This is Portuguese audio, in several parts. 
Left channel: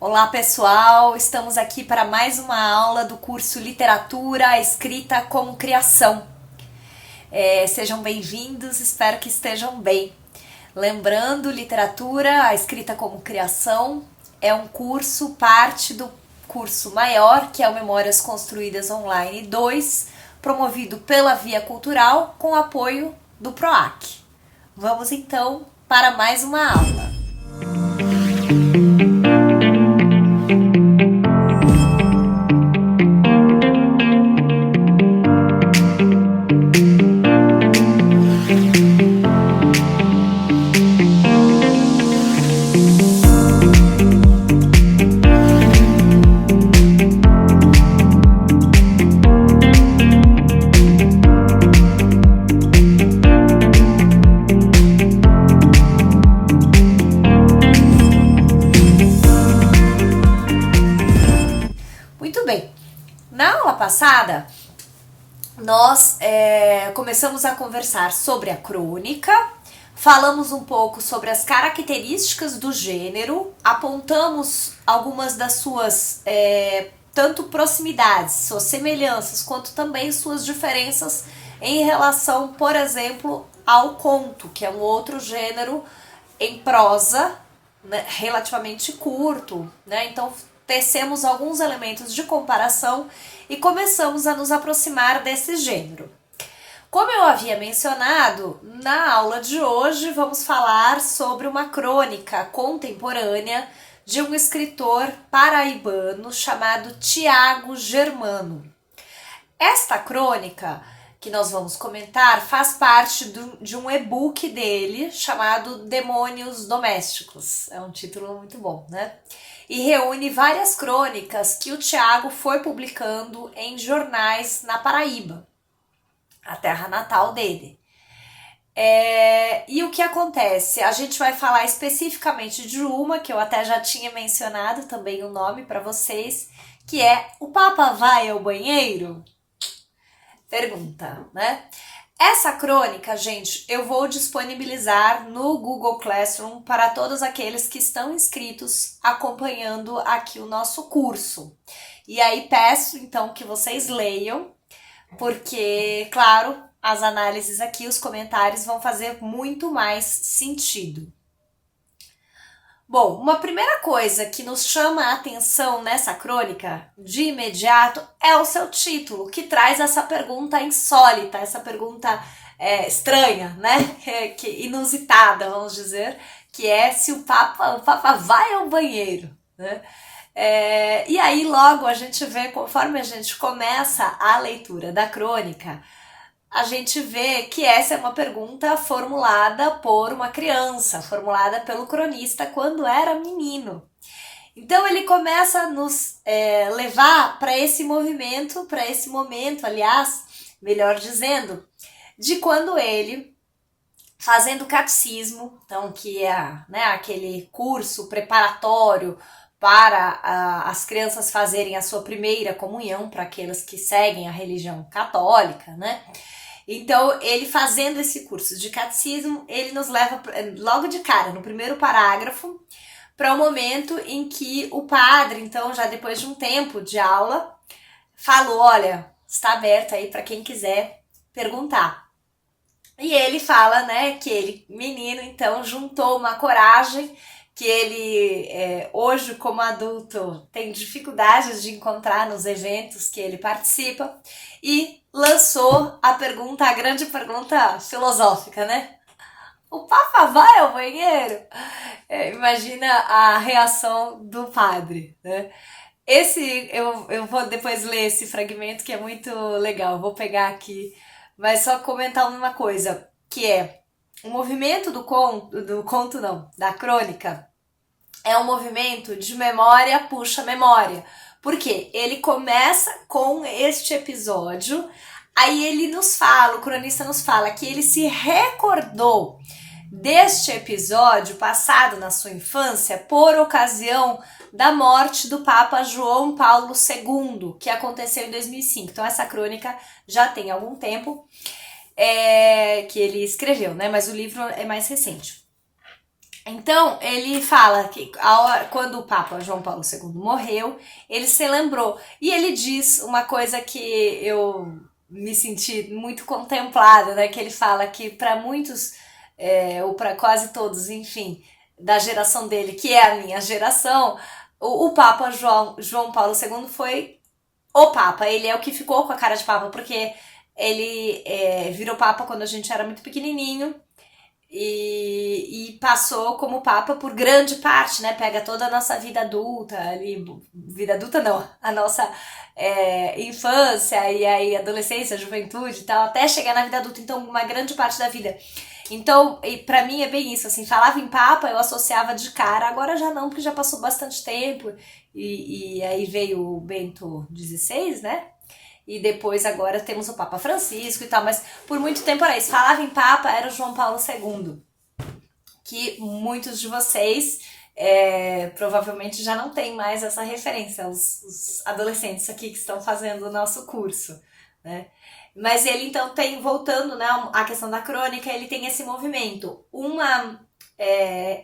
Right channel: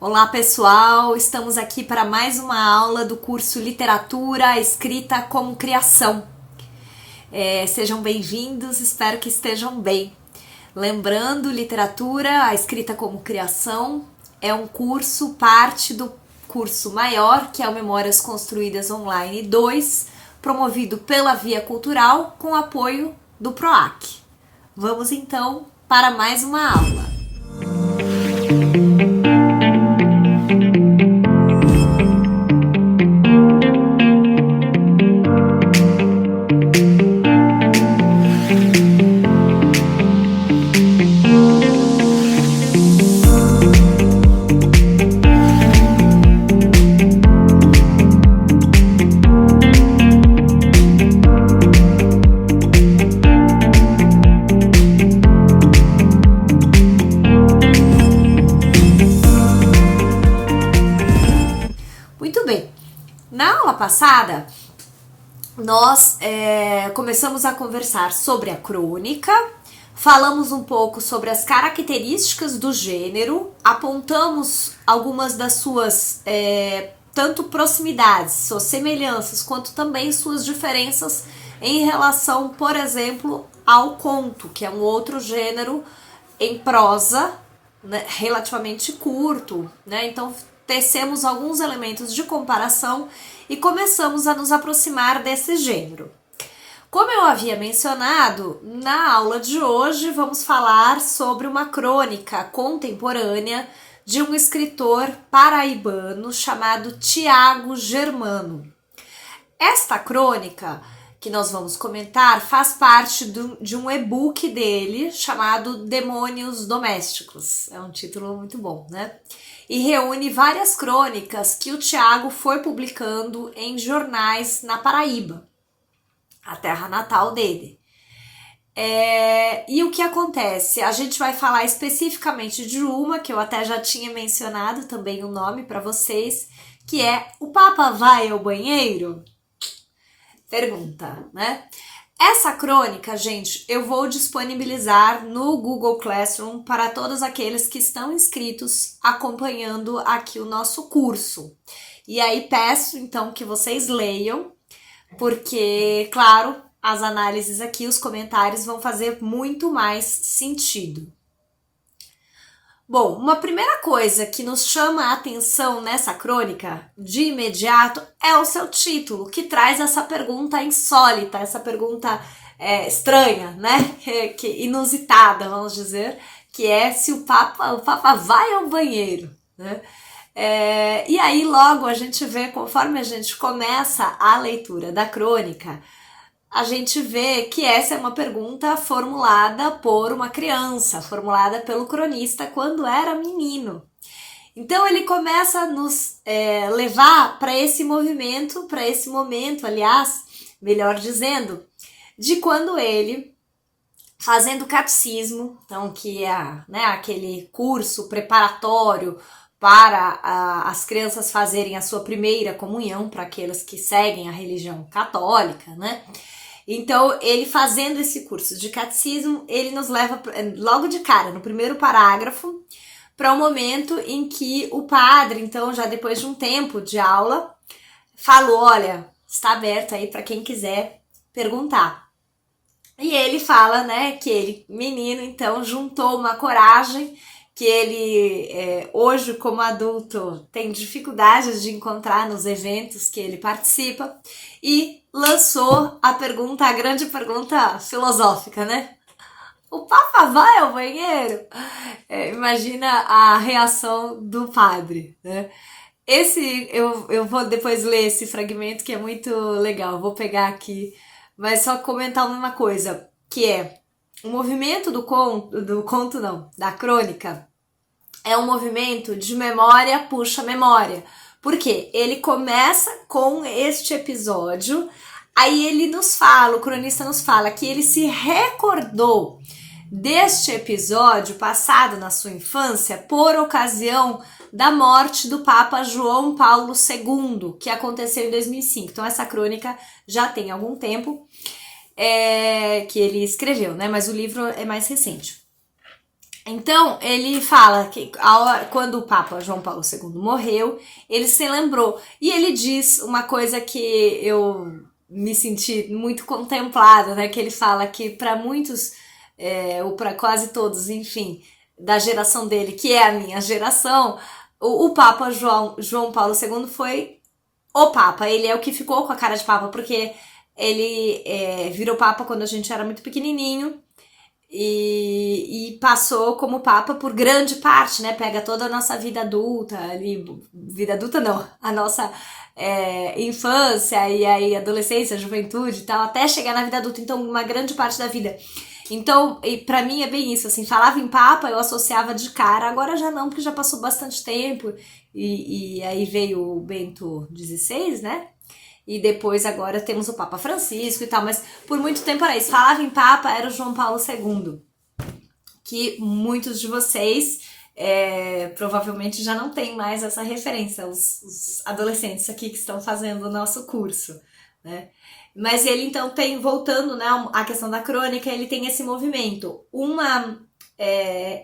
Olá pessoal, estamos aqui para mais uma aula do curso Literatura Escrita como Criação. Sejam bem-vindos, espero que estejam bem. Lembrando, Literatura, a Escrita como Criação é um curso, parte do curso maior, que é o Memórias Construídas Online 2, promovido pela Via Cultural com apoio do PROAC. Vamos então para mais uma aula. Muito bem, na aula passada nós começamos a conversar sobre a crônica, falamos um pouco sobre as características do gênero, apontamos algumas das suas tanto proximidades, suas semelhanças, quanto também suas diferenças em relação, por exemplo, ao conto, que é um outro gênero em prosa, né, relativamente curto, né? Então tecemos alguns elementos de comparação e começamos a nos aproximar desse gênero. Como eu havia mencionado, na aula de hoje vamos falar sobre uma crônica contemporânea de um escritor paraibano chamado Tiago Germano. Esta crônica que nós vamos comentar faz parte de um e-book dele chamado Demônios Domésticos. É um título muito bom, né? E reúne várias crônicas que o Tiago foi publicando em jornais na Paraíba, a terra natal dele. E o que acontece? A gente vai falar especificamente de uma, que eu até já tinha mencionado também o nome para vocês, que é O Papa Vai ao Banheiro? Pergunta, né? Essa crônica, gente, eu vou disponibilizar no Google Classroom para todos aqueles que estão inscritos acompanhando aqui o nosso curso. E aí peço, então, que vocês leiam, porque, claro, as análises aqui, os comentários vão fazer muito mais sentido. Bom, uma primeira coisa que nos chama a atenção nessa crônica, de imediato, é o seu título, que traz essa pergunta insólita, essa pergunta estranha, né? Que inusitada, vamos dizer, que é se o Papa vai ao banheiro, né? E aí logo a gente vê, conforme a gente começa a leitura da crônica, a gente vê que essa é uma pergunta formulada por uma criança, formulada pelo cronista quando era menino. Então ele começa a nos levar para esse movimento, para esse momento, aliás, melhor dizendo, de quando ele, fazendo catecismo, então que é aquele curso preparatório para as crianças fazerem a sua primeira comunhão, para aqueles que seguem a religião católica, né? Então, ele fazendo esse curso de catecismo, ele nos leva logo de cara, no primeiro parágrafo, para o momento em que o padre, então, já depois de um tempo de aula, falou, olha, está aberto aí para quem quiser perguntar. E ele fala, né, que ele, menino, então, juntou uma coragem que ele, hoje, como adulto, tem dificuldades de encontrar nos eventos que ele participa, e lançou a grande pergunta filosófica, né? O Papa vai ao banheiro? Imagina a reação do padre, né? Eu vou depois ler esse fragmento que é muito legal, vou pegar aqui, mas só comentar uma coisa, que é o movimento da crônica, é um movimento de memória puxa memória. Por quê? Ele começa com este episódio, aí ele nos fala, o cronista nos fala que ele se recordou deste episódio passado na sua infância por ocasião da morte do Papa João Paulo II, que aconteceu em 2005. Então essa crônica já tem algum tempo que ele escreveu, né? Mas o livro é mais recente. Então, ele fala que quando o Papa João Paulo II morreu, ele se lembrou. E ele diz uma coisa que eu me senti muito contemplada, né? Que ele fala que para muitos, ou para quase todos, enfim, da geração dele, que é a minha geração, o Papa João Paulo II foi o Papa. Ele é o que ficou com a cara de Papa, porque ele virou Papa quando a gente era muito pequenininho. E passou como Papa por grande parte, né? Pega toda a nossa vida adulta, ali, vida adulta não, a nossa infância e aí adolescência, juventude e tal, até chegar na vida adulta, então uma grande parte da vida. Então, e pra mim é bem isso, assim, falava em Papa, eu associava de cara, agora já não, porque já passou bastante tempo, e aí veio o Bento XVI, né? E depois agora temos o Papa Francisco e tal, mas por muito tempo era isso. Falava em Papa, era o João Paulo II, que muitos de vocês provavelmente já não tem mais essa referência, os adolescentes aqui que estão fazendo o nosso curso, né? Mas ele então tem, voltando, né, à questão da crônica, ele tem esse movimento,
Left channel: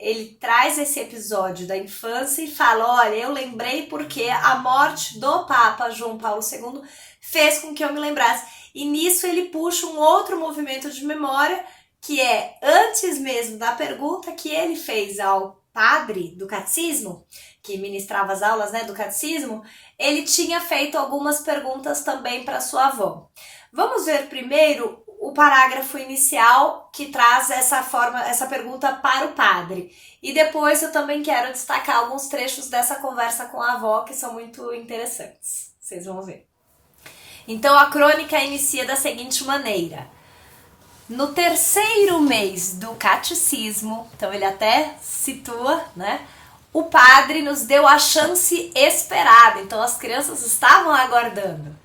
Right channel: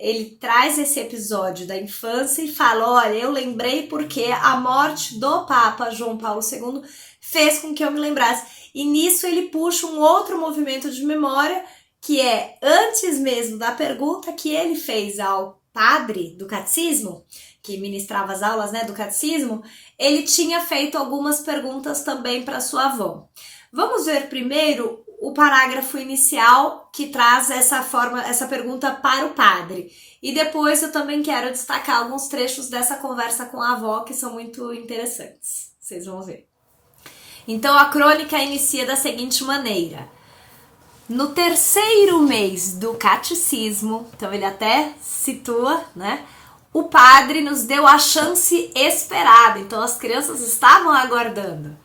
ele traz esse episódio da infância e fala, olha, eu lembrei porque a morte do Papa João Paulo II fez com que eu me lembrasse. E nisso ele puxa um outro movimento de memória, que é antes mesmo da pergunta que ele fez ao padre do catecismo, que ministrava as aulas, né, do catecismo, ele tinha feito algumas perguntas também para sua avó. Vamos ver primeiro o parágrafo inicial que traz essa pergunta para o padre. E depois eu também quero destacar alguns trechos dessa conversa com a avó que são muito interessantes. Vocês vão ver. Então a crônica inicia da seguinte maneira. No terceiro mês do catecismo, então ele até situa, né? O padre nos deu a chance esperada, então as crianças estavam aguardando.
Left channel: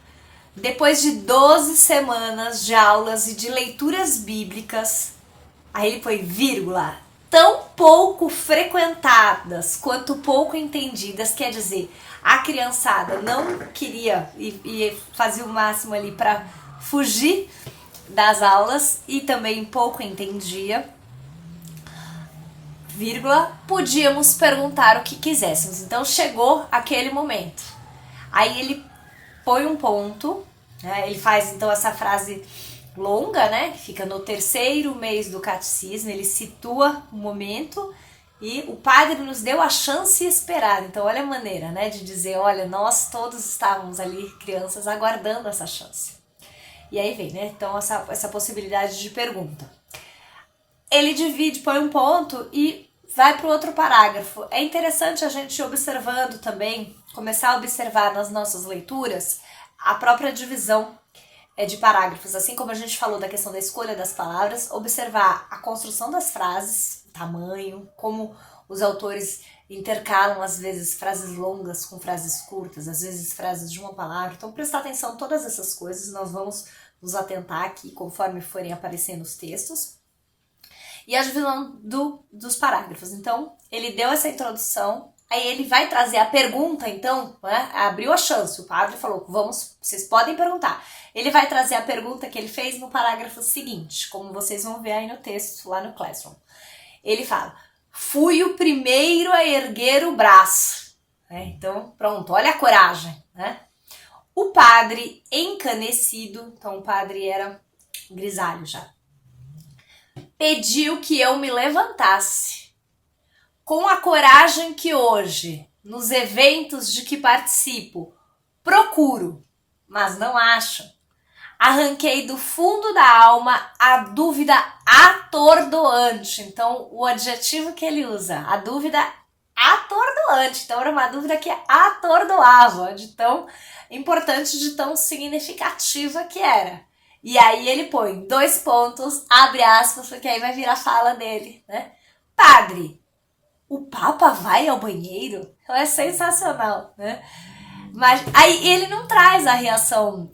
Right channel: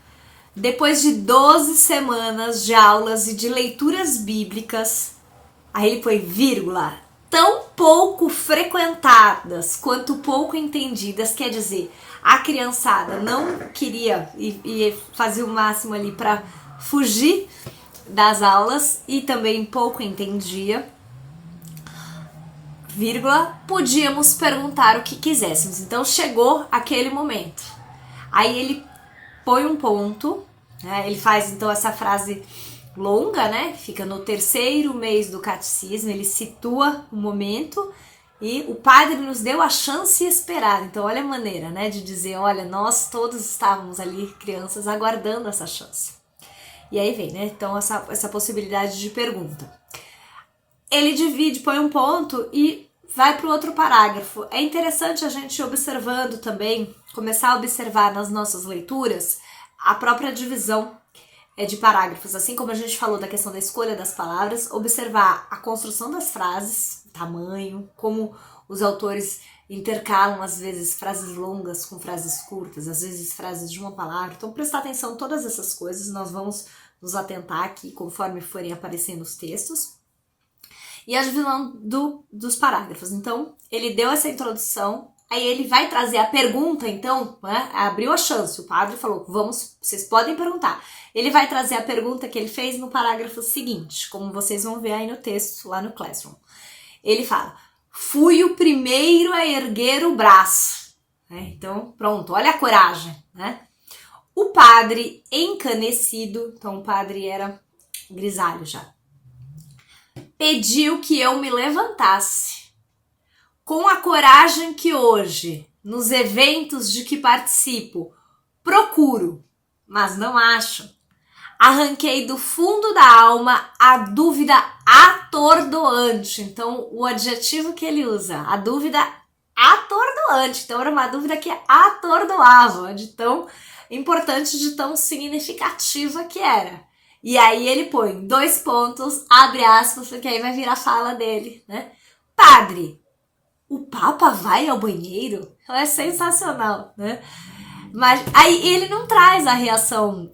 Depois de 12 semanas de aulas e de leituras bíblicas, aí ele põe vírgula, tão pouco frequentadas quanto pouco entendidas, quer dizer, a criançada não queria e fazia o máximo ali para fugir das aulas e também pouco entendia, vírgula, podíamos perguntar o que quiséssemos. Então chegou aquele momento. Aí ele põe um ponto, né? Ele faz então essa frase longa, né? Que fica no terceiro mês do catecismo, ele situa o momento e o padre nos deu a chance esperada. Então olha a maneira, né, de dizer, olha, nós todos estávamos ali, crianças, aguardando essa chance. E aí vem, né, então essa possibilidade de pergunta. Ele divide, põe um ponto e vai para o outro parágrafo. É interessante a gente ir observando também, começar a observar nas nossas leituras a própria divisão de parágrafos, assim como a gente falou da questão da escolha das palavras, observar a construção das frases, tamanho, como os autores intercalam às vezes frases longas com frases curtas, às vezes frases de uma palavra. Então prestar atenção em todas essas coisas, nós vamos nos atentar aqui conforme forem aparecendo os textos. E a divisão dos parágrafos. Então, ele deu essa introdução, aí ele vai trazer a pergunta, então, né, abriu a chance, o padre falou, vocês podem perguntar. Ele vai trazer a pergunta que ele fez no parágrafo seguinte, como vocês vão ver aí no texto, lá no Classroom. Ele fala, fui o primeiro a erguer o braço. Então, pronto, olha a coragem, né? O padre encanecido, então o padre era grisalho já, pediu que eu me levantasse. Com a coragem que hoje, nos eventos de que participo, procuro, mas não acho, arranquei do fundo da alma a dúvida atordoante. Então, o adjetivo que ele usa, a dúvida atordoante. Então, era uma dúvida que atordoava, de tão importante, de tão significativa que era. E aí ele põe 2 pontos, abre aspas, porque aí vai vir a fala dele, né? Padre, o Papa vai ao banheiro? É sensacional, né? Mas aí ele não traz a reação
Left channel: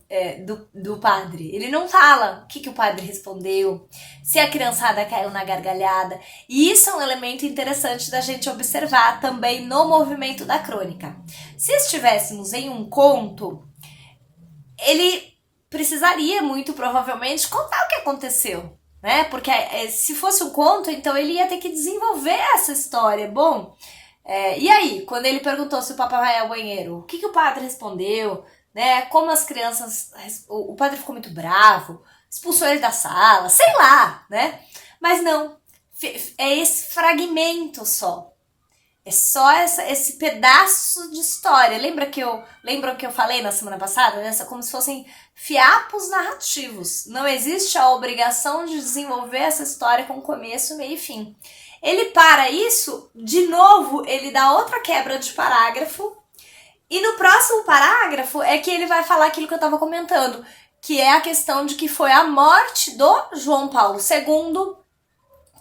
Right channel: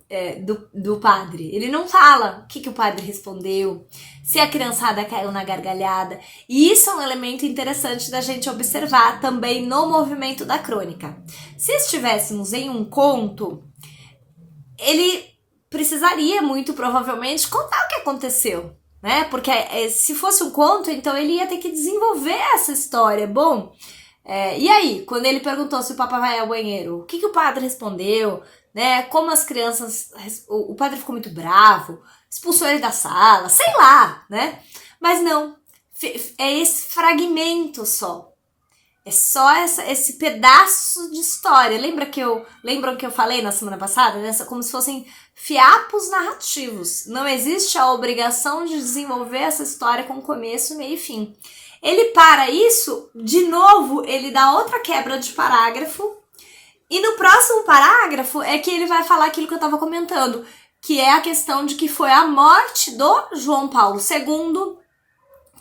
do padre, ele não fala o que o padre respondeu, se a criançada caiu na gargalhada. E isso é um elemento interessante da gente observar também no movimento da crônica. Se estivéssemos em um conto, ele precisaria muito provavelmente contar o que aconteceu, né? Porque se fosse um conto, então ele ia ter que desenvolver essa história. Bom, e aí, quando ele perguntou se o Papa vai ao banheiro, o que o padre respondeu, né? Como as crianças... O padre ficou muito bravo, expulsou ele da sala, sei lá, né? Mas não, é esse fragmento só. É só esse pedaço de história. Lembram que eu falei na semana passada? Né? Como se fossem fiapos narrativos. Não existe a obrigação de desenvolver essa história com começo, meio e fim. Ele para isso, de novo, ele dá outra quebra de parágrafo. E no próximo parágrafo é que ele vai falar aquilo que eu estava comentando, que é a questão de que foi a morte do João Paulo II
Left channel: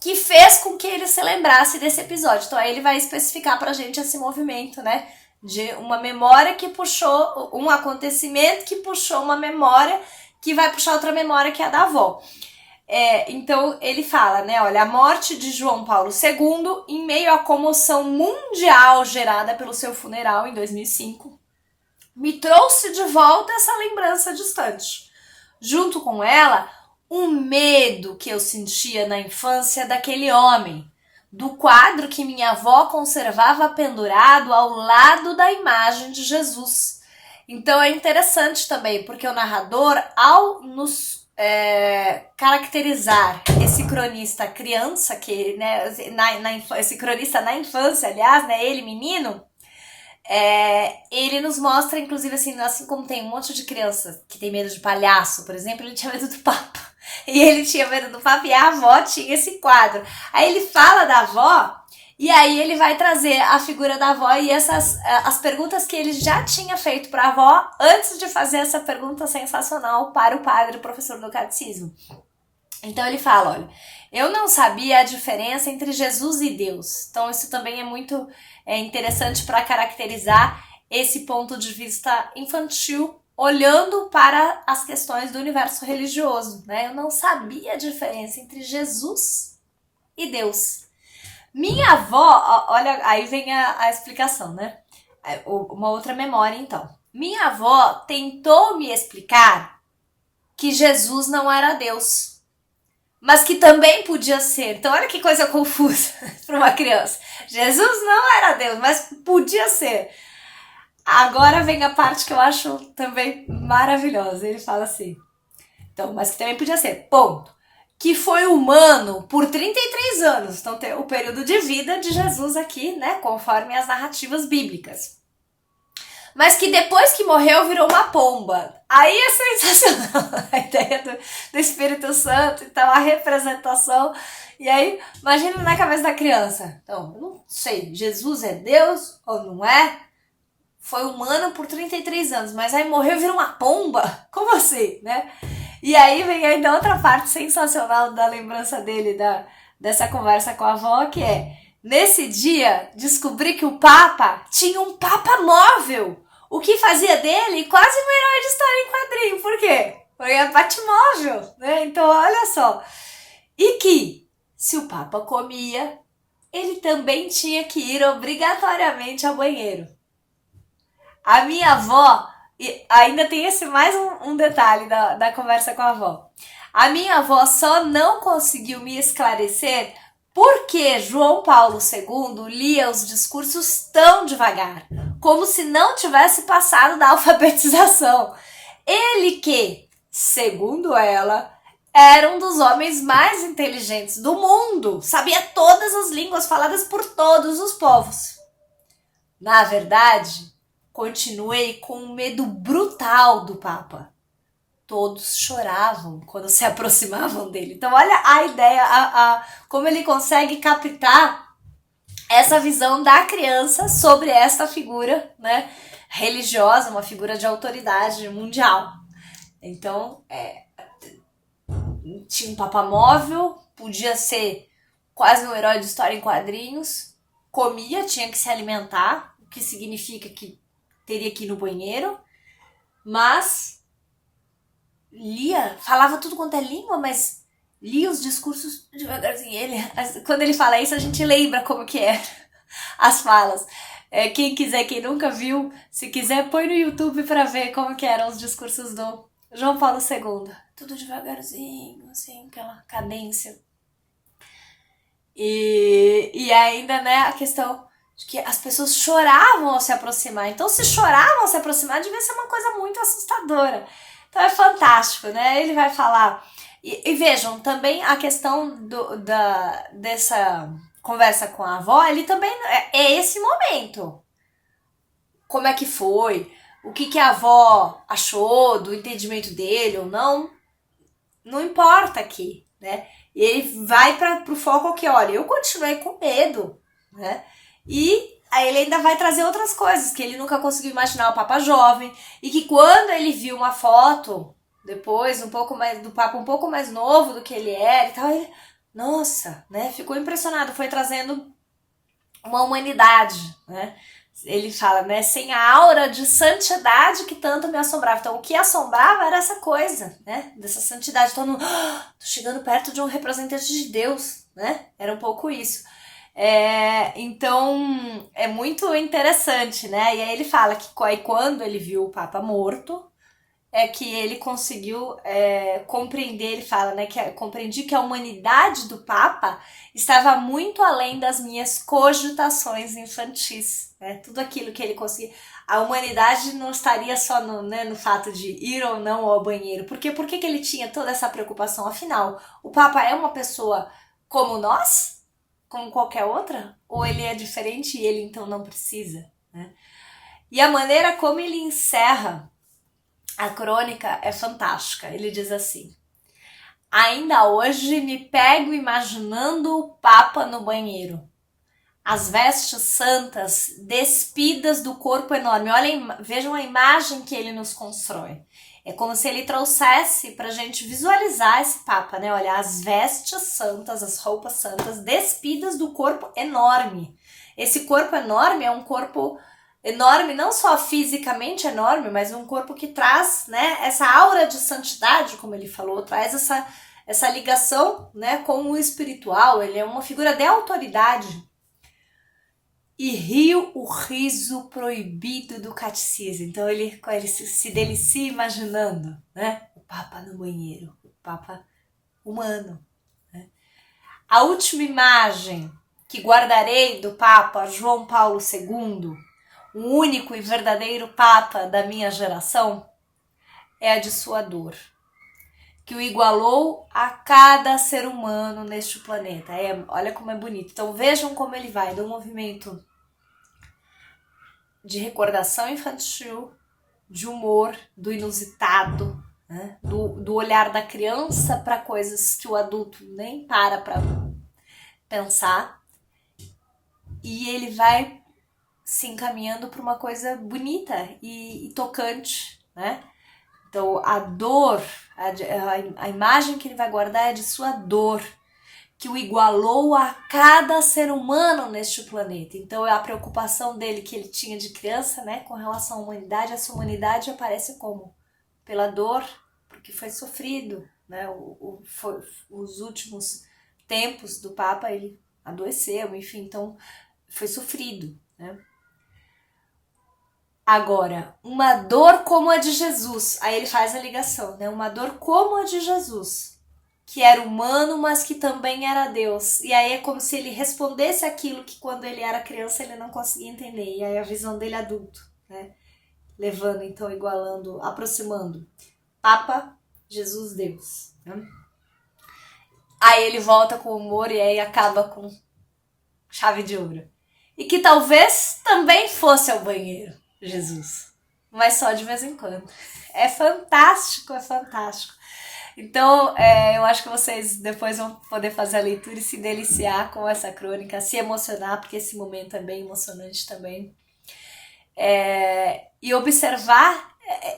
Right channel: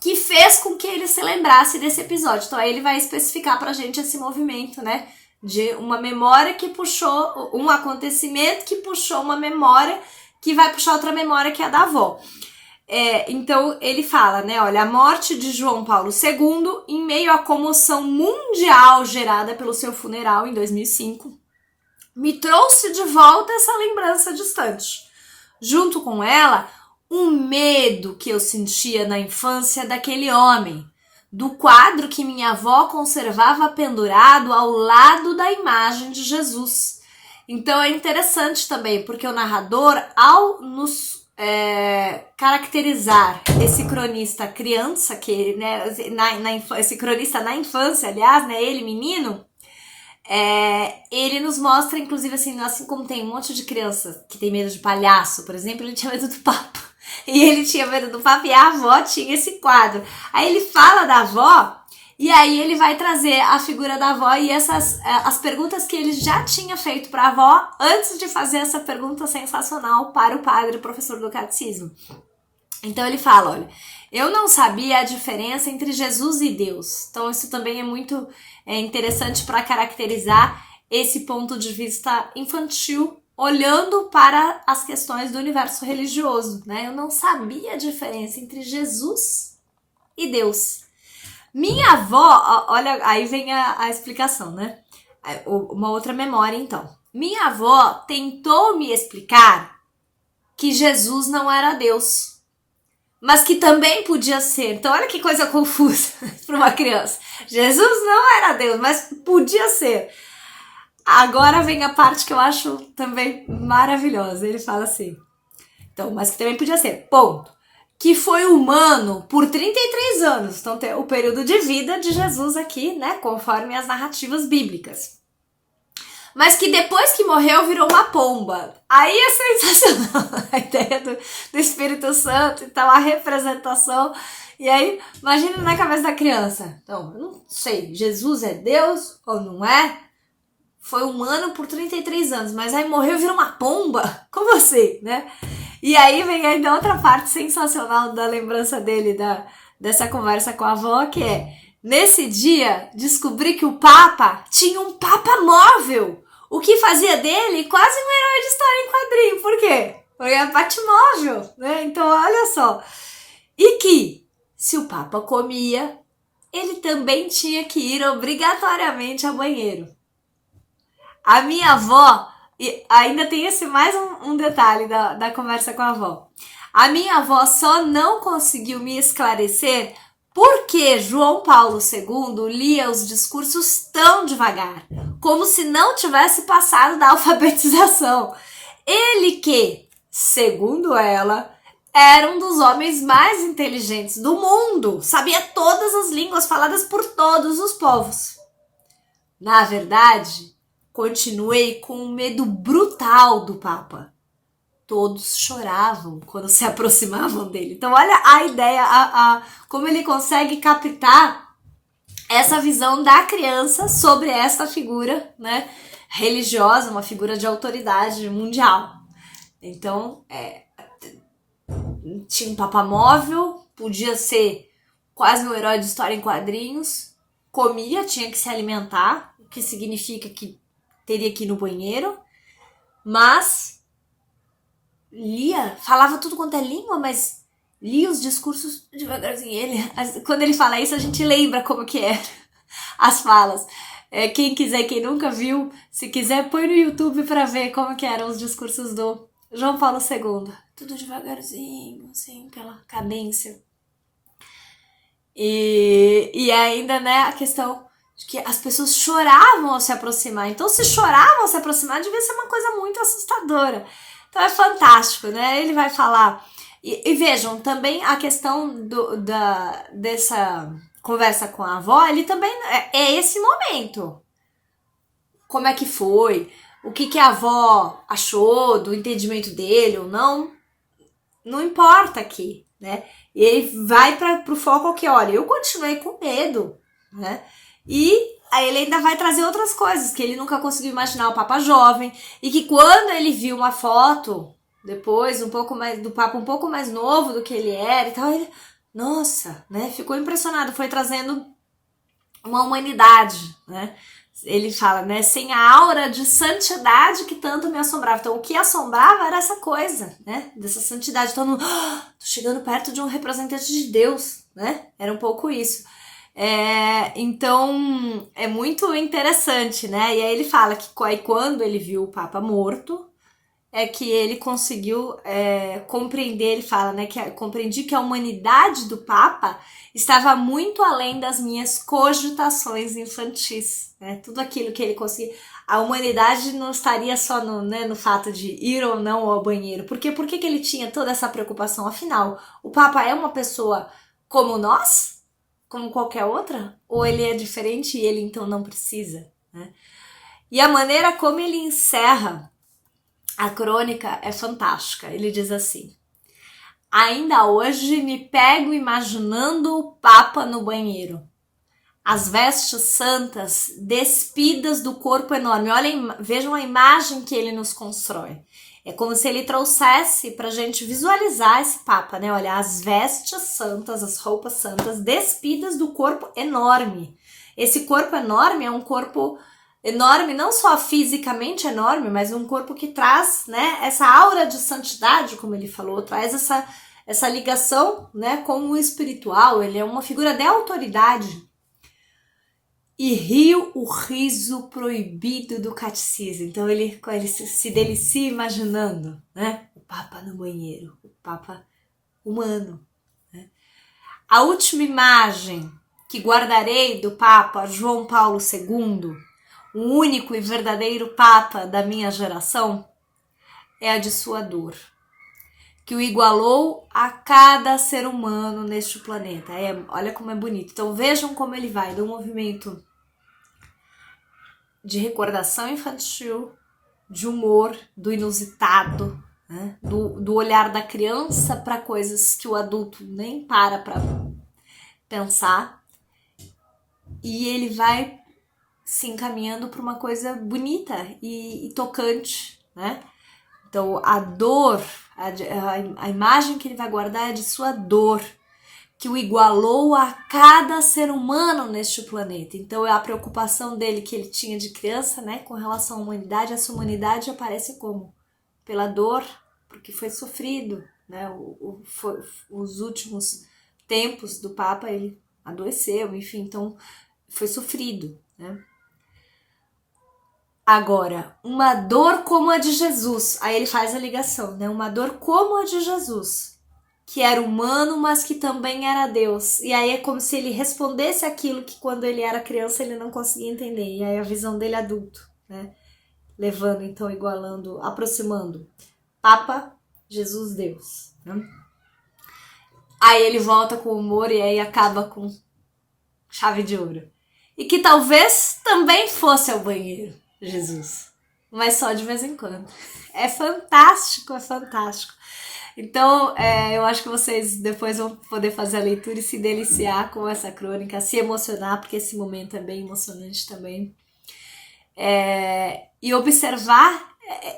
que fez com que ele se lembrasse desse episódio. Então aí ele vai especificar pra gente esse movimento, né? De uma memória que puxou, um acontecimento que puxou uma memória que vai puxar outra memória que é a da avó. Então ele fala, né? Olha, a morte de João Paulo II, em meio à comoção mundial gerada pelo seu funeral em 2005, me trouxe de volta essa lembrança distante. Junto com ela, um medo que eu sentia na infância daquele homem, do quadro que minha avó conservava pendurado ao lado da imagem de Jesus. Então é interessante também, porque o narrador, ao nos caracterizar esse cronista criança, que, né, esse cronista na infância, aliás, né, ele menino, ele nos mostra, inclusive, assim como tem um monte de criança que tem medo de palhaço, por exemplo, ele tinha medo do Papa. E ele tinha medo do Papa e a avó tinha esse quadro. Aí ele fala da avó e aí ele vai trazer a figura da avó e as perguntas que ele já tinha feito para a avó antes de fazer essa pergunta sensacional para o padre, professor do catecismo. Então ele fala, olha, eu não sabia a diferença entre Jesus e Deus. Então isso também é muito interessante para caracterizar esse ponto de vista infantil, olhando para as questões do universo religioso, né? Eu não sabia a diferença entre Jesus e Deus. Minha avó, olha, aí vem a explicação, né? Uma outra memória, então. Minha avó tentou me explicar que Jesus não era Deus, mas que também podia ser. Então, olha que coisa confusa para uma criança. Jesus não era Deus, mas podia ser. Agora vem a parte que eu acho também maravilhosa. Ele fala assim, então, mas que também podia ser, ponto. Que foi humano por 33 anos. Então, tem o período de vida de Jesus aqui, né? Conforme as narrativas bíblicas. Mas que depois que morreu virou uma pomba. Aí é sensacional a ideia do Espírito Santo, então a representação. E aí, imagina na cabeça da criança. Então, eu não sei, Jesus é Deus ou não é? Foi humano por 33 anos, mas aí morreu e virou uma pomba? Como assim, né? E aí vem ainda outra parte sensacional da lembrança dele, dessa conversa com a avó, que é, nesse dia, descobri que o Papa tinha um Papa móvel, o que fazia dele quase um herói de história em quadrinho. Por quê? Porque é Batmóvel, né? Então, olha só. E que, se o Papa comia, ele também tinha que ir obrigatoriamente ao banheiro. A minha avó, e ainda tem esse mais um detalhe da conversa com a avó. A minha avó só não conseguiu me esclarecer por que João Paulo II lia os discursos tão devagar, como se não tivesse passado da alfabetização. Ele que, segundo ela, era um dos homens mais inteligentes do mundo, sabia todas as línguas faladas por todos os povos. Na verdade, continuei com um medo brutal do Papa. Todos choravam quando se aproximavam dele. Então olha a ideia, como ele consegue captar essa visão da criança sobre essa figura, né, religiosa, uma figura de autoridade mundial. Então, tinha um Papa móvel, podia ser quase um herói de história em quadrinhos, comia, tinha que se alimentar, o que significa que teria que ir no banheiro, mas lia, falava tudo quanto é língua, mas lia os discursos devagarzinho. Quando ele fala isso, a gente lembra como que era as falas. Quem quiser, quem nunca viu, se quiser, põe no YouTube para ver como que eram os discursos do João Paulo II. tudo devagarzinho, assim, aquela cadência. E ainda, né, a questão de que as pessoas choravam ao se aproximar. Então, se choravam ao se aproximar, devia ser uma coisa muito assustadora. Então, é fantástico, né? Ele vai falar... E vejam, também a questão dessa conversa com a avó, ele também... É esse momento. Como é que foi? O que a avó achou do entendimento dele ou não? Não importa aqui, né? E ele vai pro foco que, olha, eu continuei com medo, né? E aí ele ainda vai trazer outras coisas, que ele nunca conseguiu imaginar o Papa jovem, e que quando ele viu uma foto, depois, um pouco mais do Papa um pouco mais novo do que ele era e tal, ele, nossa, né? Ficou impressionado, foi trazendo uma humanidade, né? Ele fala, né, sem a aura de santidade que tanto me assombrava. Então, o que assombrava era essa coisa, né, dessa santidade. Todo mundo, tô chegando perto de um representante de Deus, né? Era um pouco isso. Então, é muito interessante, né? E aí ele fala que quando ele viu o Papa morto, é que ele conseguiu compreender, ele fala, né, que compreendi que a humanidade do Papa estava muito além das minhas cogitações infantis, né? Tudo aquilo que ele conseguia. A humanidade não estaria só no fato de ir ou não ao banheiro. Por que ele tinha toda essa preocupação? Afinal, o Papa é uma pessoa como nós? Como qualquer outra? Ou ele é diferente e ele então não precisa, né? E a maneira como ele encerra a crônica é fantástica. Ele diz assim: ainda hoje me pego imaginando o Papa no banheiro. As vestes santas despidas do corpo enorme. Olhem, vejam a imagem que ele nos constrói. É como se ele trouxesse pra gente visualizar esse Papa, né? Olha, as vestes santas, as roupas santas despidas do corpo enorme. Esse corpo enorme é um corpo enorme, não só fisicamente enorme, mas um corpo que traz, né, essa aura de santidade, como ele falou, traz essa ligação, né, com o espiritual. Ele é uma figura de autoridade. E riu o riso proibido do catecismo. Então ele se delicia imaginando, né, o Papa no banheiro, o Papa humano, né? A última imagem que guardarei do Papa João Paulo II, o único e verdadeiro Papa da minha geração, é a de sua dor, que o igualou a cada ser humano neste planeta. Olha como é bonito. Então vejam como ele vai do movimento de recordação infantil, de humor, do inusitado, né? do olhar da criança para coisas que o adulto nem para pensar, e ele vai se encaminhando para uma coisa bonita e tocante, né? Então, a dor, a imagem que ele vai guardar é de sua dor, que o igualou a cada ser humano neste planeta. Então, a preocupação dele que ele tinha de criança, né, com relação à humanidade, essa humanidade aparece como? Pela dor, porque foi sofrido, né? Os últimos tempos do Papa, ele adoeceu, enfim, então foi sofrido, né? Agora, uma dor como a de Jesus, aí ele faz a ligação, né? Uma dor como a de Jesus, que era humano, mas que também era Deus. E aí é como se ele respondesse aquilo que quando ele era criança ele não conseguia entender. E aí a visão dele adulto, né? Levando, então, igualando, aproximando. Papa, Jesus, Deus, né? Aí ele volta com humor e aí acaba com chave de ouro. E que talvez também fosse ao banheiro, Jesus, mas só de vez em quando. É fantástico, é fantástico. Então, eu acho que vocês depois vão poder fazer a leitura e se deliciar com essa crônica, se emocionar, porque esse momento é bem emocionante também. E observar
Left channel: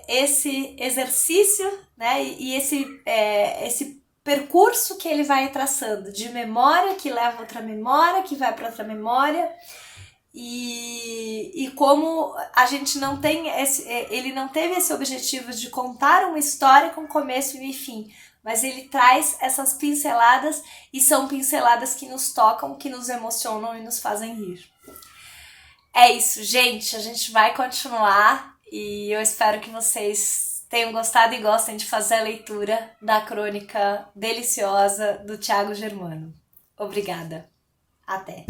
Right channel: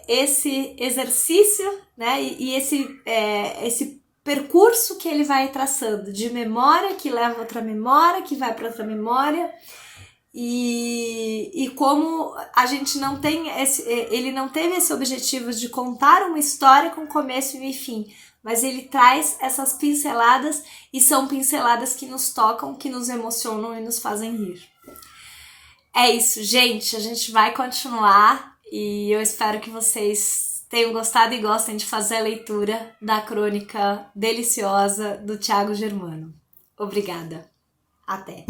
esse exercício, né, e esse percurso que ele vai traçando, de memória que leva a outra memória, que vai para outra memória, e como a gente não tem ele não teve esse objetivo de contar uma história com começo e fim, mas ele traz essas pinceladas, e são pinceladas que nos tocam, que nos emocionam e nos fazem rir. É isso, gente, a gente vai continuar e eu espero que vocês tenham gostado e gostem de fazer a leitura da crônica deliciosa do Thiago Germano. Obrigada. Até!